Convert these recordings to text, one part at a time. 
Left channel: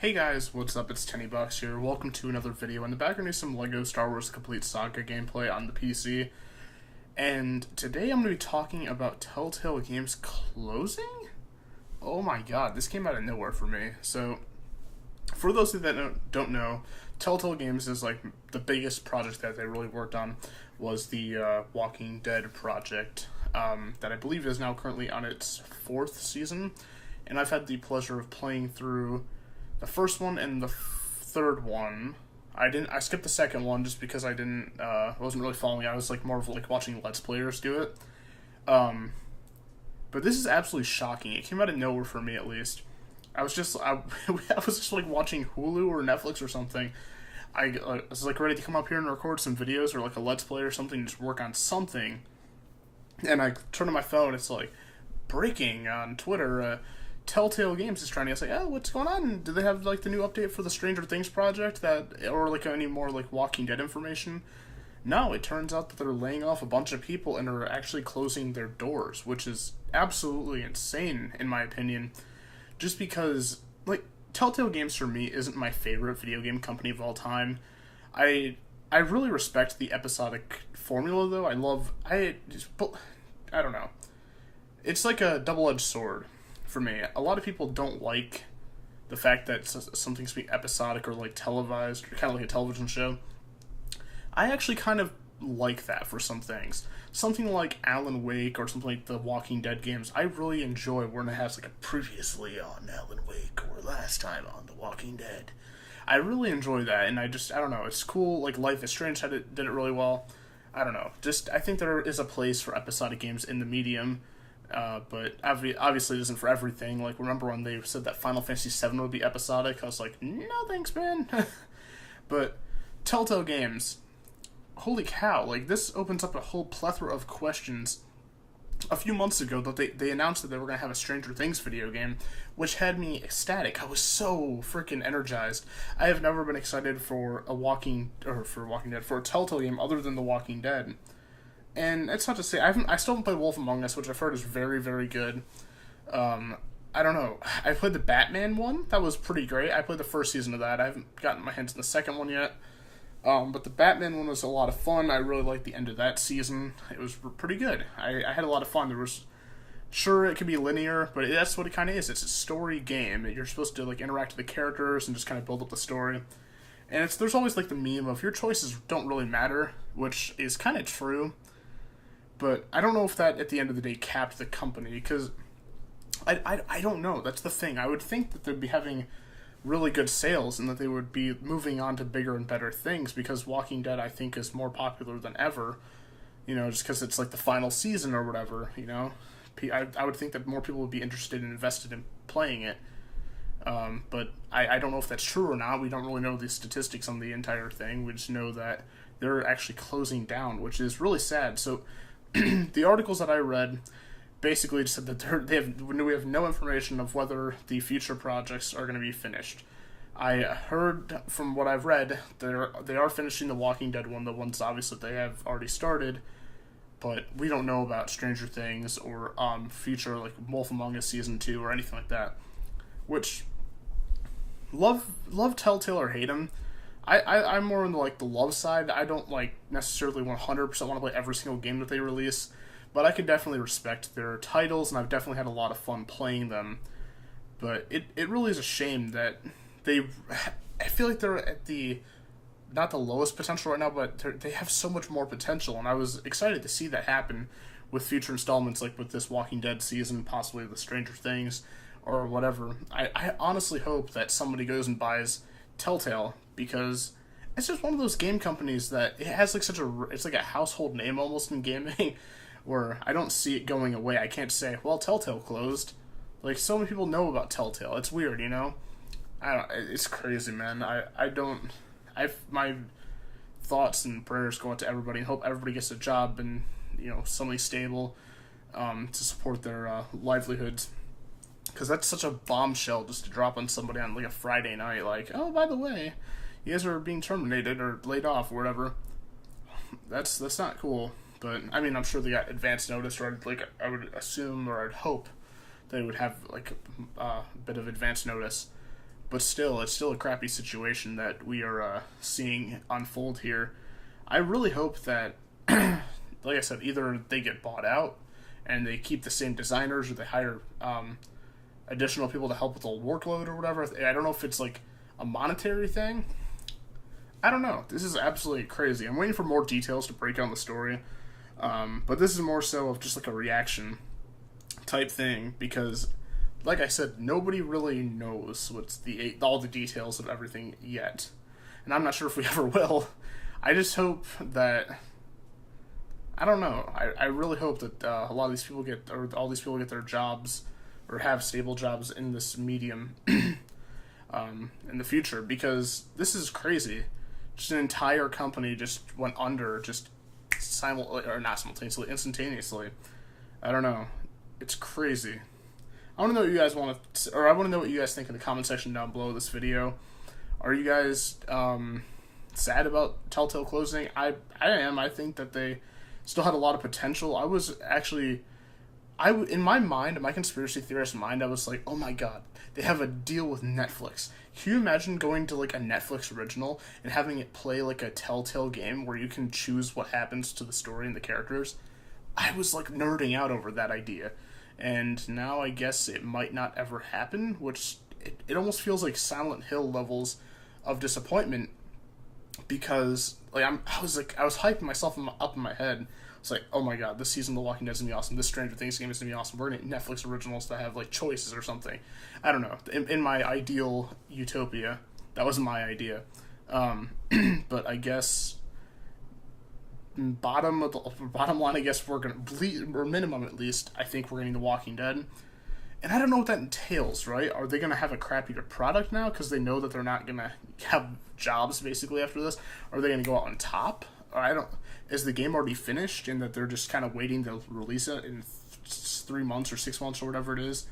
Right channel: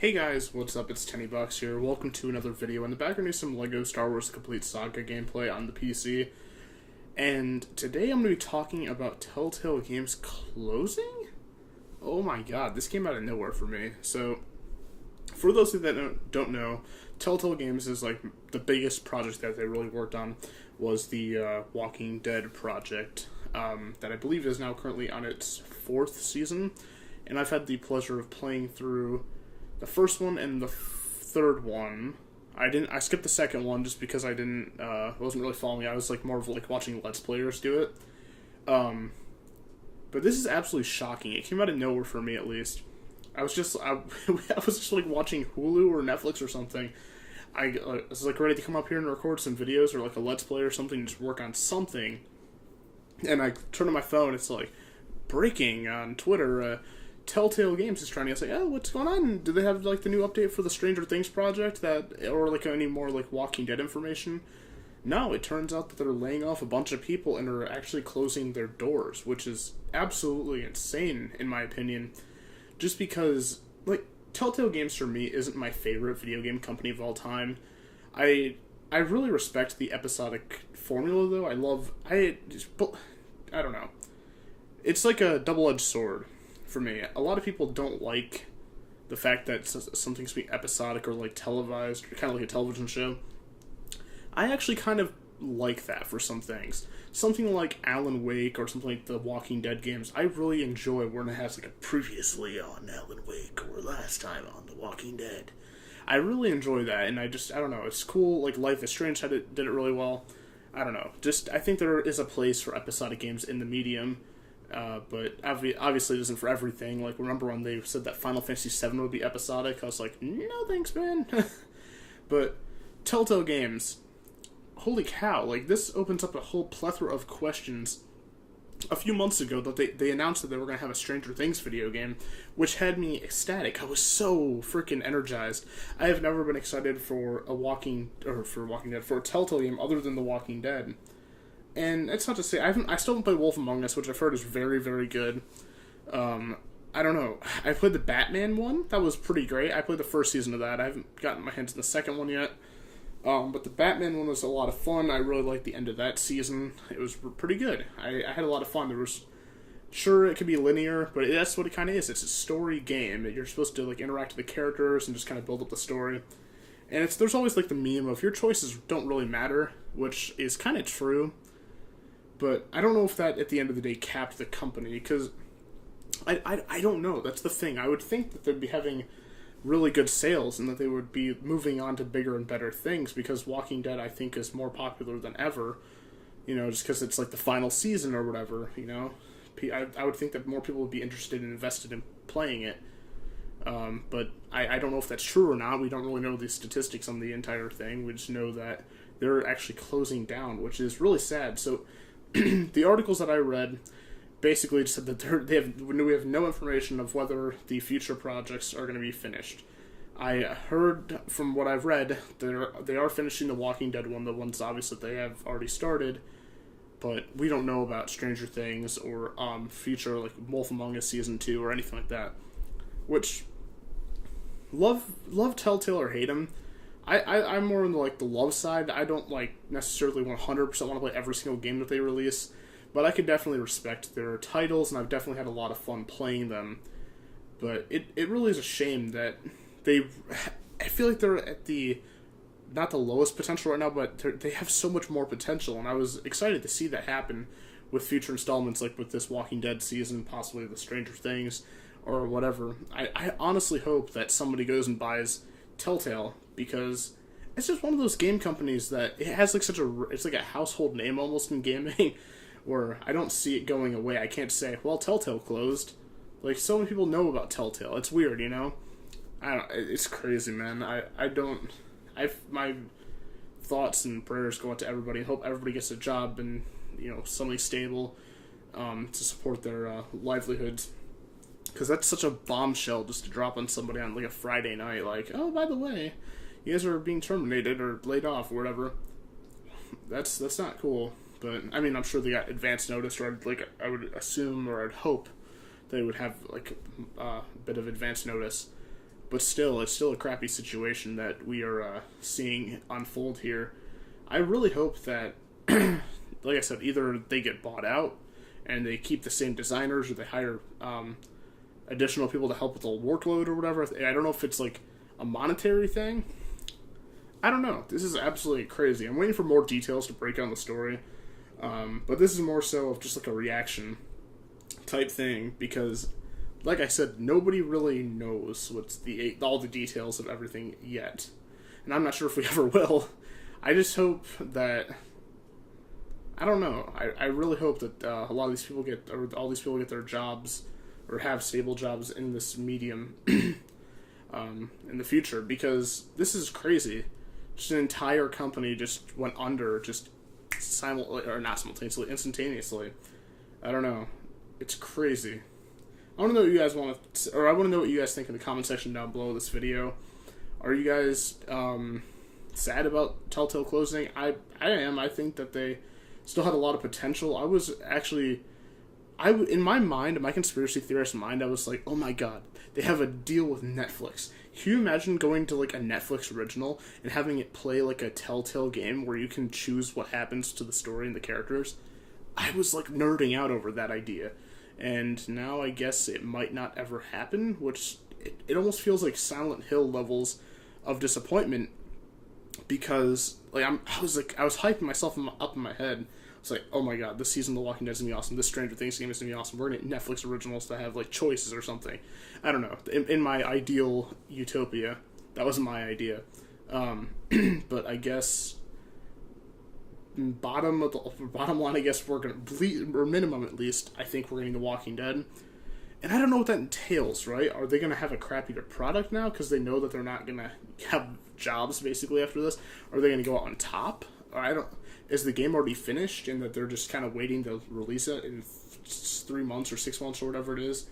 Hey guys, what's up? It's Tennybox here. Welcome to another video. In the background is some LEGO Star Wars Complete Saga gameplay on the PC. And today I'm going to be talking about Telltale Games closing? Oh my god, this came out of nowhere for me. So, for those of you that don't know, Telltale Games is like the biggest project that they really worked on was the Walking Dead project that I believe is now currently on its 4th season. And I've had the pleasure of playing through the first one and the third one. I skipped the second one just because I wasn't really following it. I was like more of like watching Let's Players do it. But this is absolutely shocking. It came out of nowhere for me, at least. I was just like watching Hulu or Netflix or something. I was like ready to come up here and record some videos or like a Let's Play or something, just work on something. And I turn on my phone. It's like breaking on Twitter. Telltale Games is trying to say, oh, what's going on? Do they have like the new update for the Stranger Things project or like any more like Walking Dead information? No, it turns out that they're laying off a bunch of people and are actually closing their doors, which is absolutely insane in my opinion. Just because like Telltale Games for me isn't my favorite video game company of all time. I really respect the episodic formula though. I don't know. It's like a double-edged sword. For me, a lot of people don't like the fact that something's being episodic or like televised, or kind of like a television show. I actually kind of like that for some things. Something like Alan Wake or something like the Walking Dead games, I really enjoy when it has like a previously on Alan Wake or last time on The Walking Dead. I really enjoy that, and I don't know, it's cool. Like Life is Strange did it really well. I don't know, I think there is a place for episodic games in the medium. But obviously it isn't for everything. Like, remember when they said that Final Fantasy VII would be episodic? I was like, no thanks, man. But Telltale Games, holy cow, like, this opens up a whole plethora of questions. A few months ago, that they announced that they were going to have a Stranger Things video game, which had me ecstatic. I was so freaking energized. I have never been excited for for a Telltale game other than The Walking Dead. And it's not to say I still haven't played Wolf Among Us, which I've heard is very, very good. I don't know. I played the Batman one. That was pretty great. I played the first season of that. I haven't gotten my hands on the second one yet. But the Batman one was a lot of fun. I really liked the end of that season. It was pretty good. I had a lot of fun. Sure, it could be linear, but that's what it kind of is. It's a story game. You're supposed to like interact with the characters and just kind of build up the story. And there's always like the meme of your choices don't really matter, which is kind of true. But I don't know if that, at the end of the day, capped the company, because I don't know. That's the thing. I would think that they'd be having really good sales and that they would be moving on to bigger and better things, because Walking Dead, I think, is more popular than ever, just because it's like the final season or whatever, I would think that more people would be interested and invested in playing it. But I don't know if that's true or not. We don't really know the statistics on the entire thing. We just know that they're actually closing down, which is really sad. So the articles that I read basically said that we have no information of whether the future projects are going to be finished. I heard from what I've read, they are finishing the Walking Dead one, the ones obviously that they have already started, but we don't know about Stranger Things or future like Wolf Among Us Season 2 or anything like that. Which, love Telltale or hate them, I'm more on the love side. I don't necessarily 100% want to play every single game that they release, but I can definitely respect their titles, and I've definitely had a lot of fun playing them. But it really is a shame that I feel like they're at not the lowest potential right now, but they have so much more potential, and I was excited to see that happen with future installments, like with this Walking Dead season, possibly the Stranger Things, or whatever. I honestly hope that somebody goes and buys Telltale, because it's just one of those game companies that it has it's like a household name almost in gaming, where I don't see it going away. I can't say, well, Telltale closed. Like, so many people know about Telltale. It's weird, it's crazy, man. My thoughts and prayers go out to everybody, and hope everybody gets a job and, something stable, to support their livelihoods. Because that's such a bombshell just to drop on somebody on like a Friday night, like, oh, by the way, you guys are being terminated or laid off or whatever. That's not cool. But I mean, I'm sure they got advance notice, or I would assume or I'd hope they would have like a bit of advance notice. but still, it's still a crappy situation that we are seeing unfold here. I really hope that, like I said, either they get bought out and they keep the same designers, or they hire additional people to help with the workload or whatever. I don't know if it's like a monetary thing. I don't know. This is absolutely crazy. I'm waiting for more details to break down the story. But this is more so of just like a reaction type thing, because like I said, nobody really knows all the details of everything yet. And I'm not sure if we ever will. I just hope that, I don't know, I really hope that a lot of these people all these people get their jobs, or have stable jobs in this medium in the future, because this is crazy. Just an entire company just went under, just instantaneously. I don't know. It's crazy. I want to know what you guys I want to know what you guys think in the comment section down below this video. Are you guys sad about Telltale closing? I am. I think that they still had a lot of potential. I was actually, in my mind, in my conspiracy theorist mind, I was like, oh my god, they have a deal with Netflix. Can you imagine going to like a Netflix original and having it play like a Telltale game where you can choose what happens to the story and the characters? I was like nerding out over that idea. And now I guess it might not ever happen, which it almost feels like Silent Hill levels of disappointment, because like I was hyping myself up in my head. It's like, oh my god, this season of The Walking Dead is gonna be awesome. This Stranger Things game is gonna be awesome. We're gonna get Netflix originals that have like choices or something. I don't know. In my ideal utopia, that was my idea. But I guess bottom line, I guess we're gonna or minimum at least, I think we're getting The Walking Dead. And I don't know what that entails, right? Are they gonna have a crappier product now because they know that they're not gonna have jobs basically after this? Or are they gonna go out on top? Or is the game already finished and that they're just kind of waiting to release it in 3 months or 6 months or whatever it is?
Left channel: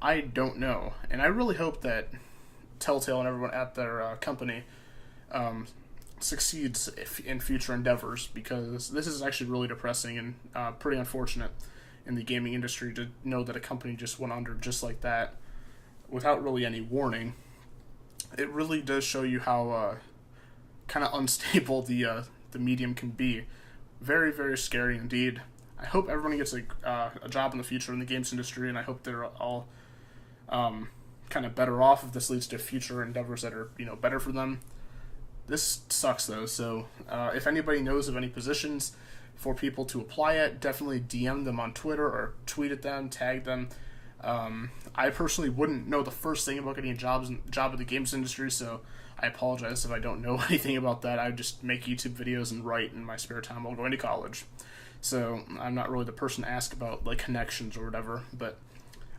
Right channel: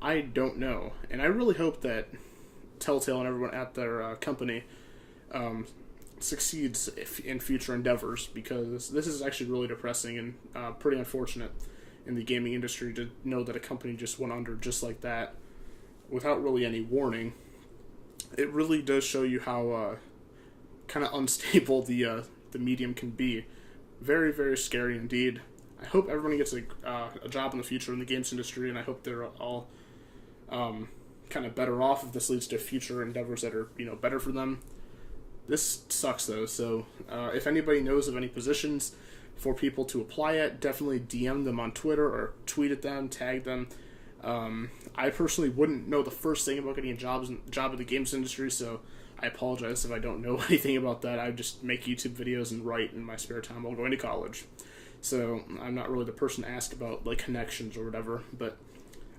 I don't know. And I really hope that Telltale and everyone at their company succeeds in future endeavors, because this is actually really depressing and pretty unfortunate in the gaming industry to know that a company just went under just like that without really any warning. It really does show you how kind of unstable the medium can be. Very, very scary indeed. I hope everyone gets a job in the future in the games industry, and I hope they're all kind of better off if this leads to future endeavors that are, better for them. This sucks though, so if anybody knows of any positions for people to apply at, definitely DM them on Twitter or tweet at them, tag them. I personally wouldn't know the first thing about getting a job in the games industry, so I apologize if I don't know anything about that. I just make YouTube videos and write in my spare time while going to college. So I'm not really the person to ask about like connections or whatever, but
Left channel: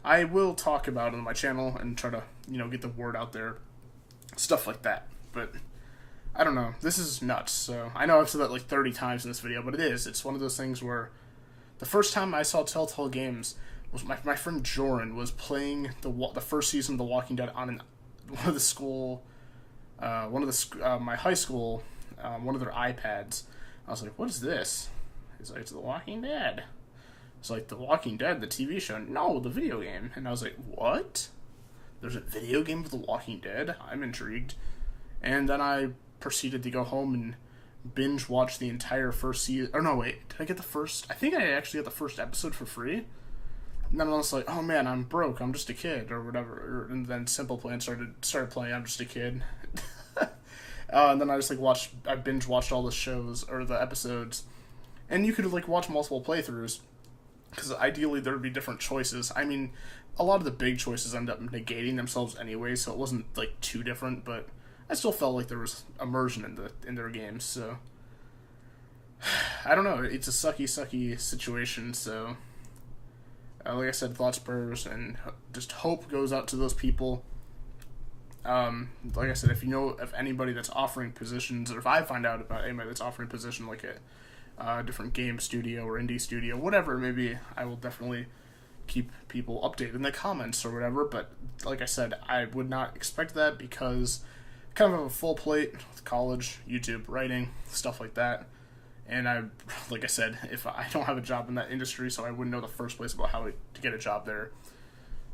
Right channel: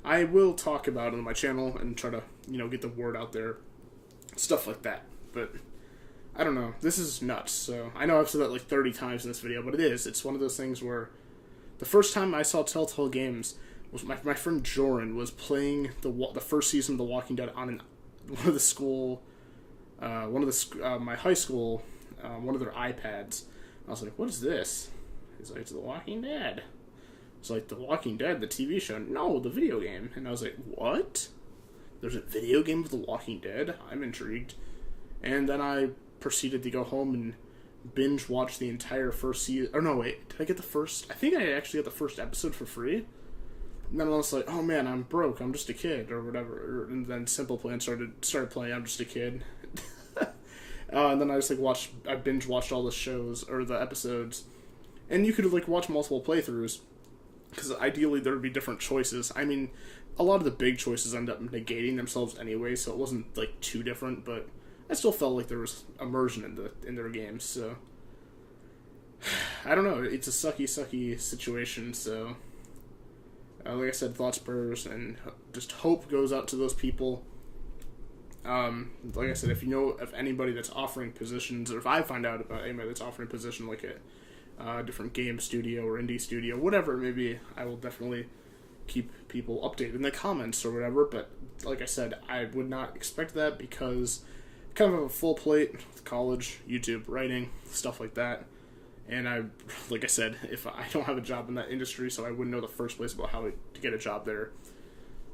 I will talk about it on my channel and try to, get the word out there, stuff like that. But I don't know. This is nuts. So I know I've said that like 30 times in this video, but it is. It's one of those things where the first time I saw Telltale Games was my friend Joran was playing the first season of The Walking Dead on my high school, one of their iPads. I was like, what is this? He's like, it's The Walking Dead. It's like, The Walking Dead, the TV show? No, the video game. And I was like, what? There's a video game of The Walking Dead? I'm intrigued. And then I proceeded to go home and binge watch the entire first season. Or no, wait, did I get the first? I think I actually got the first episode for free. And then I was like, oh man, I'm broke. I'm just a kid, or whatever. And then Simple Plan started playing. I'm just a kid. And then I just I binge watched all the shows or the episodes, and you could like watch multiple playthroughs, because ideally there would be different choices. I mean, a lot of the big choices end up negating themselves anyway, so it wasn't like too different. But I still felt like there was immersion in their games. So I don't know. It's a sucky situation. So like I said, thoughts, prayers, and just hope goes out to those people. Like I said, if you know of anybody that's offering positions, or if I find out about anybody that's offering a position like a different game studio or indie studio, whatever it may be, I will definitely keep people updated in the comments or whatever. But like I said, I would not expect that, because I kind of have a full plate with college, YouTube, writing, stuff like that. And like I said, if I don't have a job in that industry, so I wouldn't know the first place about how to get a job there.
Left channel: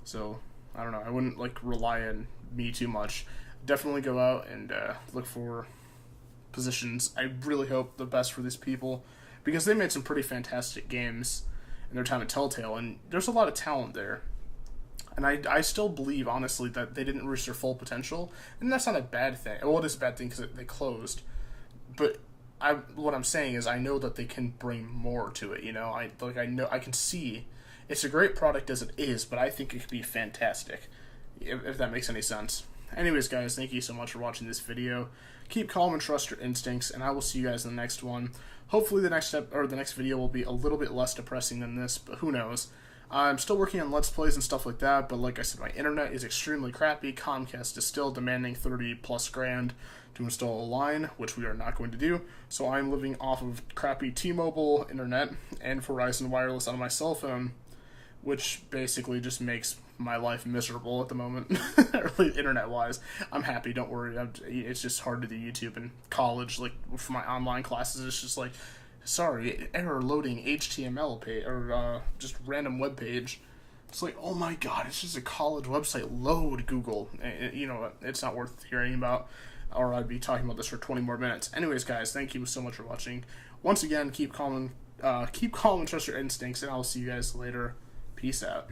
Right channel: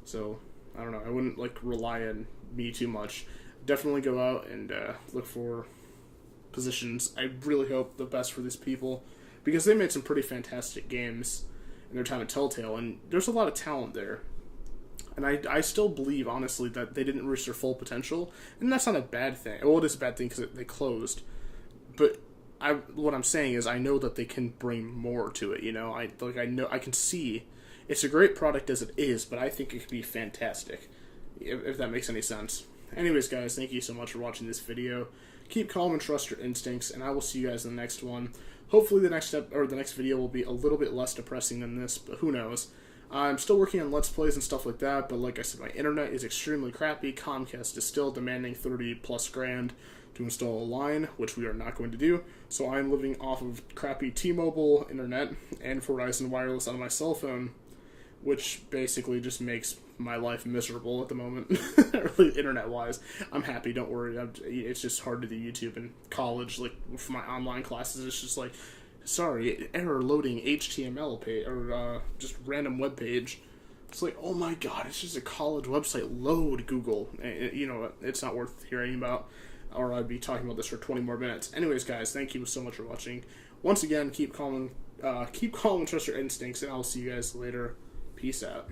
So I don't know. I wouldn't like rely on me too much, definitely go out and look for positions. I really hope the best for these people, because they made some pretty fantastic games in their time at Telltale, and there's a lot of talent there. And I still believe, honestly, that they didn't reach their full potential, and that's not a bad thing. Well, it is a bad thing because they closed, but what I'm saying is I know that they can bring more to it. I can see it's a great product as it is, but I think it could be fantastic, if that makes any sense. Anyways, guys, thank you so much for watching this video. Keep calm and trust your instincts, and I will see you guys in the next one. Hopefully the next video will be a little bit less depressing than this, but who knows. I'm still working on Let's Plays and stuff like that, but like I said, my internet is extremely crappy. Comcast is still demanding 30 plus grand to install a line, which we are not going to do, so I'm living off of crappy T-Mobile internet and Verizon Wireless on my cell phone, which basically just makes my life miserable at the moment, internet-wise. I'm happy, don't worry. It's just hard to do YouTube in college, like, for my online classes. It's just like, sorry, error loading HTML page, or just random web page. It's like, oh my god, it's just a college website. Load, Google. It's not worth hearing about, or I'd be talking about this for 20 more minutes. Anyways, guys, thank you so much for watching. Once again, keep calm and trust your instincts, and I'll see you guys later. Peace out.